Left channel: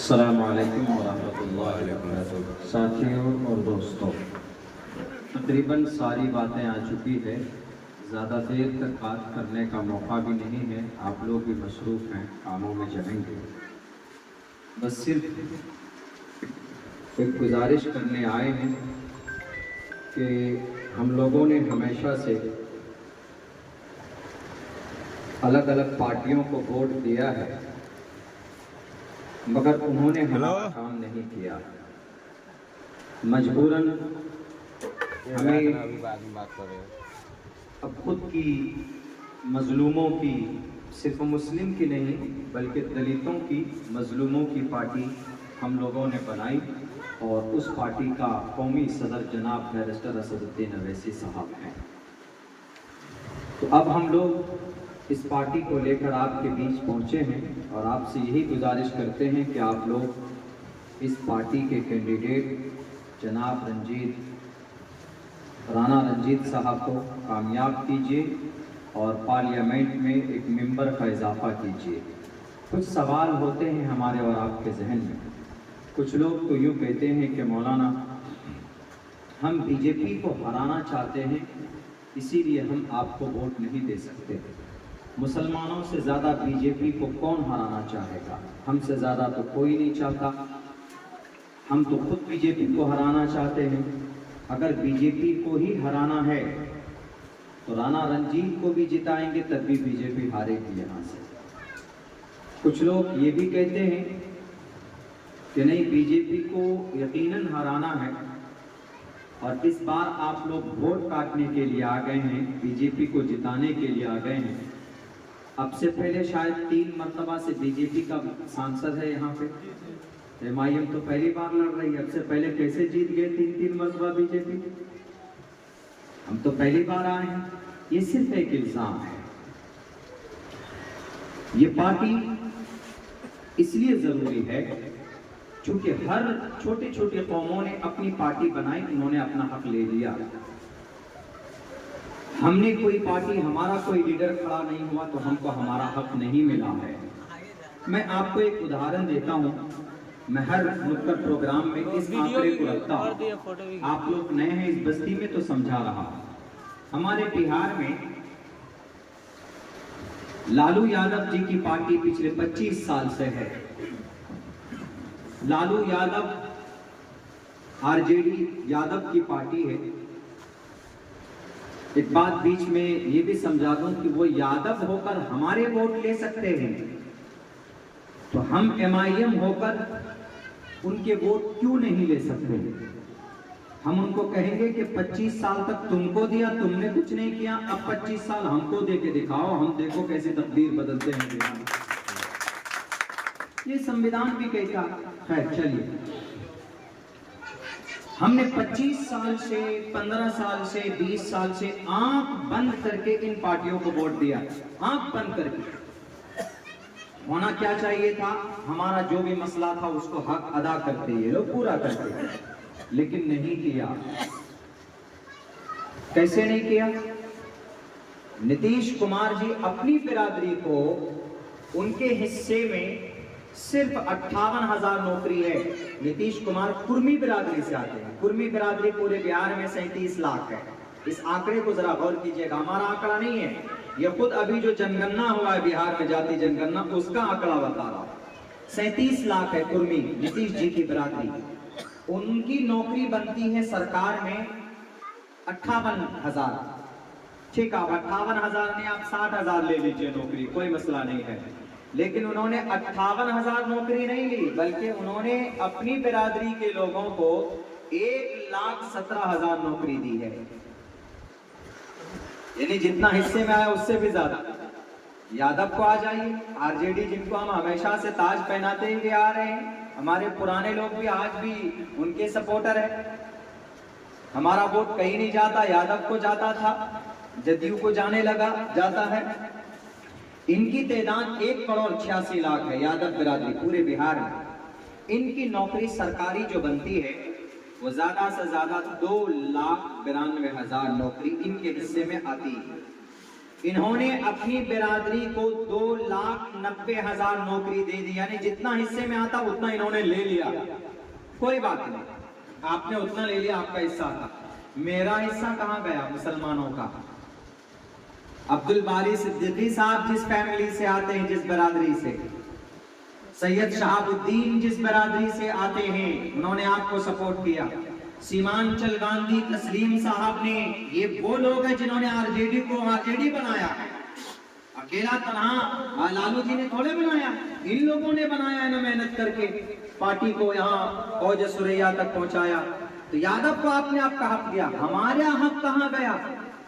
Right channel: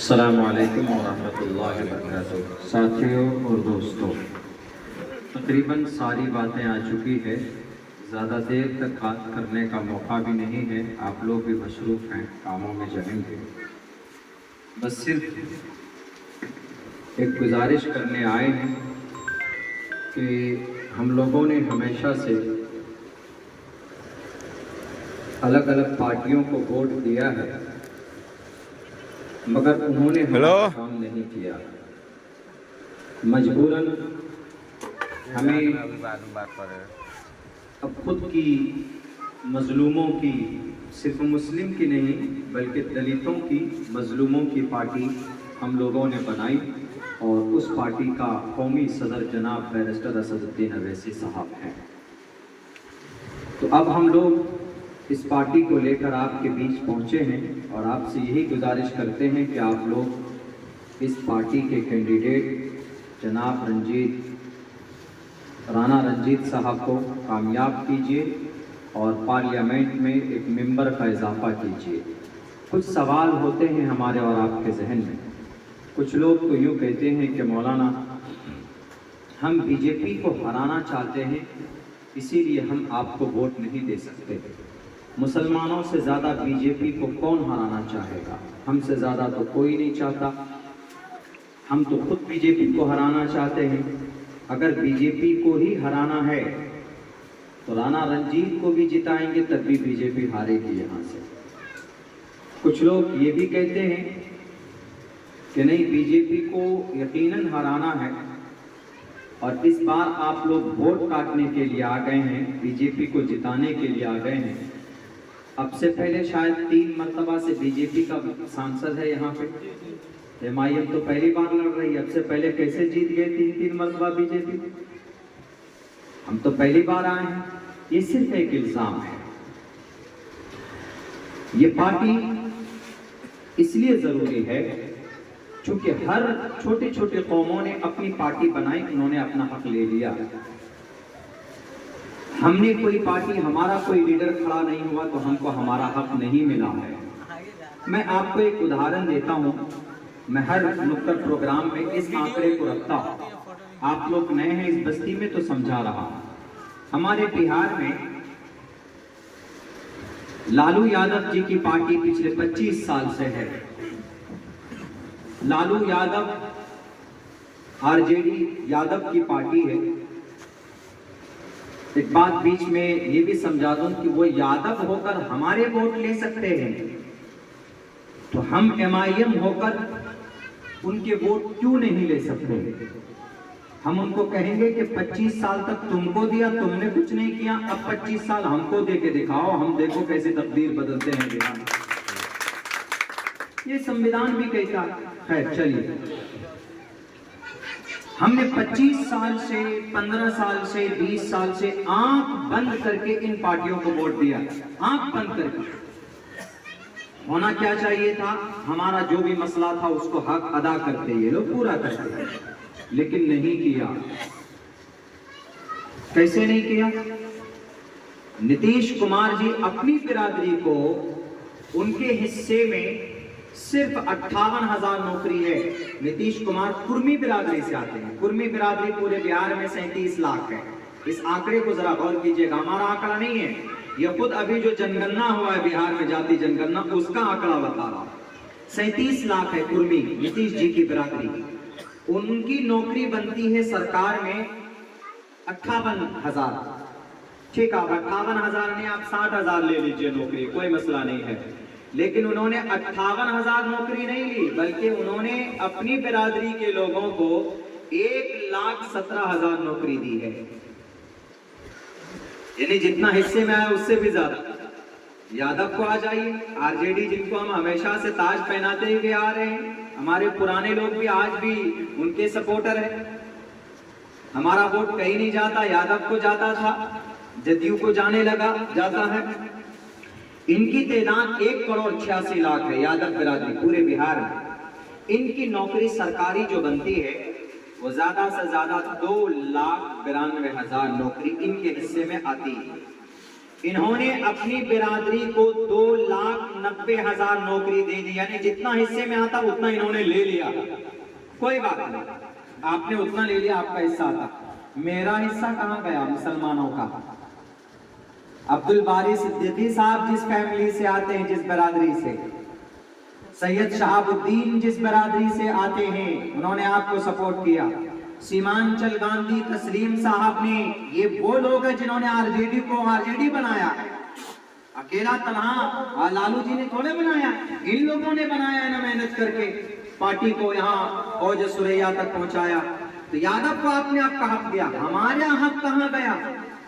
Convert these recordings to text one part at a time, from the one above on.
अस्सलामु अलैकुम वरहमतुल्लाहि वबरकातुहू। साथियों और दोस्तों, तकरीबन सारी बातें आ चुकी है। ज़्यादा देर तक बात करने का मौका भी नहीं है, आप लोग भी मसरूफ़ हैं, कामों में जमेंगे। बस सिर्फ एक गुजारिश करने आए हैं कि हम लोगों ने हमेशा से अलग अलग पार्टियों को वोट दिया है, मगर उन्होंने हमारा काम नहीं किया। मजबूरन हमें अब खुद की मजलूमों की, सिर्फ मुस्लिम की नहीं बल्कि दलितों की, मजलूमों की पार्टी हम लोगों ने बनाई और उस पार्टी का कौमी सदर जनाब बैरिस्टर असदुद्दीन अवैसी साहब हैं। तो अब हम लोग इस पार्टी को लेकर आपके बीच पहुंचे हैं और आपसे यही गुजारिश करते हैं कि आप लोग इस पार्टी के कैंडिडेट जनाब राणा रंजीत साहब को कामयाब कीजिए और पार्लियामेंट में एक मेंबर का इजाफा कीजिए। कुछ सवाल होते हैं हमारे और आपके जहन में। कुछ लोग तो यूँ कहते हैं कि मौलाना, हम बीजेपी को हराना चाहते हैं, इसीलिए हम आपको वोट नहीं दे सकते। मुसलमानों से ज़्यादा बीजेपी को कौन हराना चाहेगा? हमसे ज़्यादा तो कोई नहीं चाहता। हम तो खुद बीजेपी को हराना चाहते हैं। अगर बीजेपी को ही हराना है तो राणा रंजीत को भी जिताएंगे, तब भी बीजेपी हारेगी यहाँ से। कुछ लोग ये भी कहते हैं कि नहीं, बीजेपी को यकीनन हराना है और इस बार आप लोग वोट काटने के लिए आ गए हैं, बीजेपी को जिताने के लिए आ गए हैं। अब से पहले शायद 3 मरतबा से बीजेपी का सांसद है यहाँ पे। एमआईएम तो पहली बार लड़ रही है। अब से पहले कैसे जीत गए 3 मरतबा बीजेपी? हम तो पहली बार आए हैं। ये सिर्फ एक इल्जाम है। ये पार्टी इसलिए जरूरी है क्योंकि हर छोटे छोटे कौमों ने अपनी पार्टी बनाई, उन्होंने अपना हक ले लिया। हमने कोई पार्टी, हमारा कोई लीडर खड़ा नहीं हुआ तो हमको हमारा हक नहीं मिला है। मैं आपको एक उदाहरण देता हूं। मैं हर नुक्कड़ प्रोग्राम में इस आंकड़े को रखता हूं। आप लोग नए हैं इस बस्ती में तो समझा रहा हूं। हमारे बिहार में लालू यादव जी की पार्टी पिछले 25 साल से है। लालू यादव आरजेडी यादव की पार्टी है। एक बात बीच में ये भी समझा दूं कि वो यादव होकर हमारे वोट ले सकते हैं, तो हम एमआईएम होकर उनके वोट क्यों नहीं ले सकते? हम उनको कहेंगे कि 25 साल तक तुमको दिया, तुमने कुछ नहीं किया, अब 25 साल हमको दे के दिखाओ, हम देखो कैसे तकदीर बदलते हैं बिहार। ये संविधान भी कहता है। चलिए, हमने 25 साल से, 15 साल से, 20 साल से आंख बंद करके इन पार्टियों को वोट दिया। आंख बंद करके। होना क्या चाहिए था? हमारा जो भी मसला था उसको हक अदा करते, ये लोग पूरा करते, लेकिन नहीं किया। कैसे नहीं किया? नीतीश कुमार जी अपनी बिरादरी को, उनके हिस्से में सिर्फ 58,000 नौकरी है। नीतीश कुमार कुर्मी बिरादरी से आते हैं। कुर्मी बिरादरी पूरे बिहार में 37 लाख है। इस आंकड़े को जरा गौर कीजिएगा, हमारा आंकड़ा नहीं है, यह खुद अभी जो जनगणना हुआ है बिहार में, जाति जनगणना, उसका आंकड़ा बता रहा। 37 लाख है कुर्मी, नीतीश जी की बिरादरी। उनकी नौकरी बनती है सरकार में 58,000। ठीक है, 58,000 ने आप 60,000 ले लीजिए नौकरी, कोई मसला नहीं है। लेकिन उन्होंने 58,000 नौकरी नहीं ली, बल्कि उन्होंने अपनी बिरादरी के लोगों को 1,17,000 नौकरी दी है। यानी जितना हिस्से में आया उससे भी ज्यादा। यादव को आ जाइए, आरजेडी जिनको हम हमेशा से ताज पहनाते हुए आ रहे हैं, हमारे पुराने लोग भी आज भी उनके सपोर्टर है। हमारा वोट कहीं नहीं जाता, यादव को जाता था, जदयू को जाने लगा, जाता है। इनकी तादाद 1,86,00,000 है, यादव बिरादरी पूरे बिहार में। इनकी नौकरी सरकारी जो बनती है वो ज्यादा से ज्यादा 2,92,000 नौकरी इनके हिस्से में आती है। इन्होंने अपनी बिरादरी को 2,90,000 नौकरी दे दी, यानी जितना हिस्से में आता उतना इन्होंने ले लिया। कोई बात नहीं, आपने उतना ले लिया, आपका हिस्सा था। मेरा हिस्सा कहां गया मुसलमानों का? अब्दुल बारी सिद्दीकी साहब जिस फैमिली से आते हैं, जिस बिरादरी से, सैयद शहाबुद्दीन जिस बिरादरी से आते हैं, उन्होंने आपको सपोर्ट किया। सीमांचल गांधी तस्लीम साहब ने, ये वो लोग हैं जिन्होंने आरजेडी को आरजेडी बनाया। अकेला तनहा लालू जी ने थोड़े बनाया, इन लोगों ने बनाया ना, मेहनत करके पार्टी को यहाँ औज सुरैया तक पहुंचाया। तो यादव को आपने आपका हक दिया, हमारा हक कहाँ गया?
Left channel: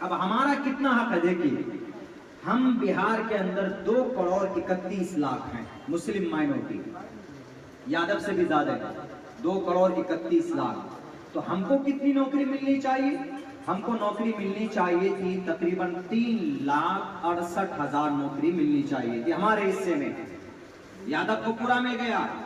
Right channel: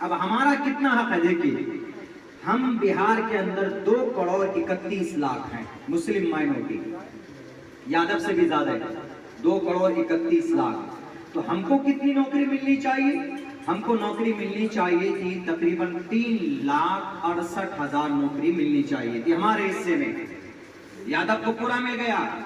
अब हमारा कितना हक है? देखिए, हम बिहार के अंदर 2,31,00,000 हैं मुस्लिम माइनॉरिटी, यादव से भी ज्यादा है, 2,31,00,000। तो हमको कितनी नौकरी मिलनी चाहिए? हमको नौकरी मिलनी चाहिए थी तकरीबन 3,68,000 नौकरी मिलनी चाहिए थी हमारे हिस्से में। यादव को पूरा मिल गया,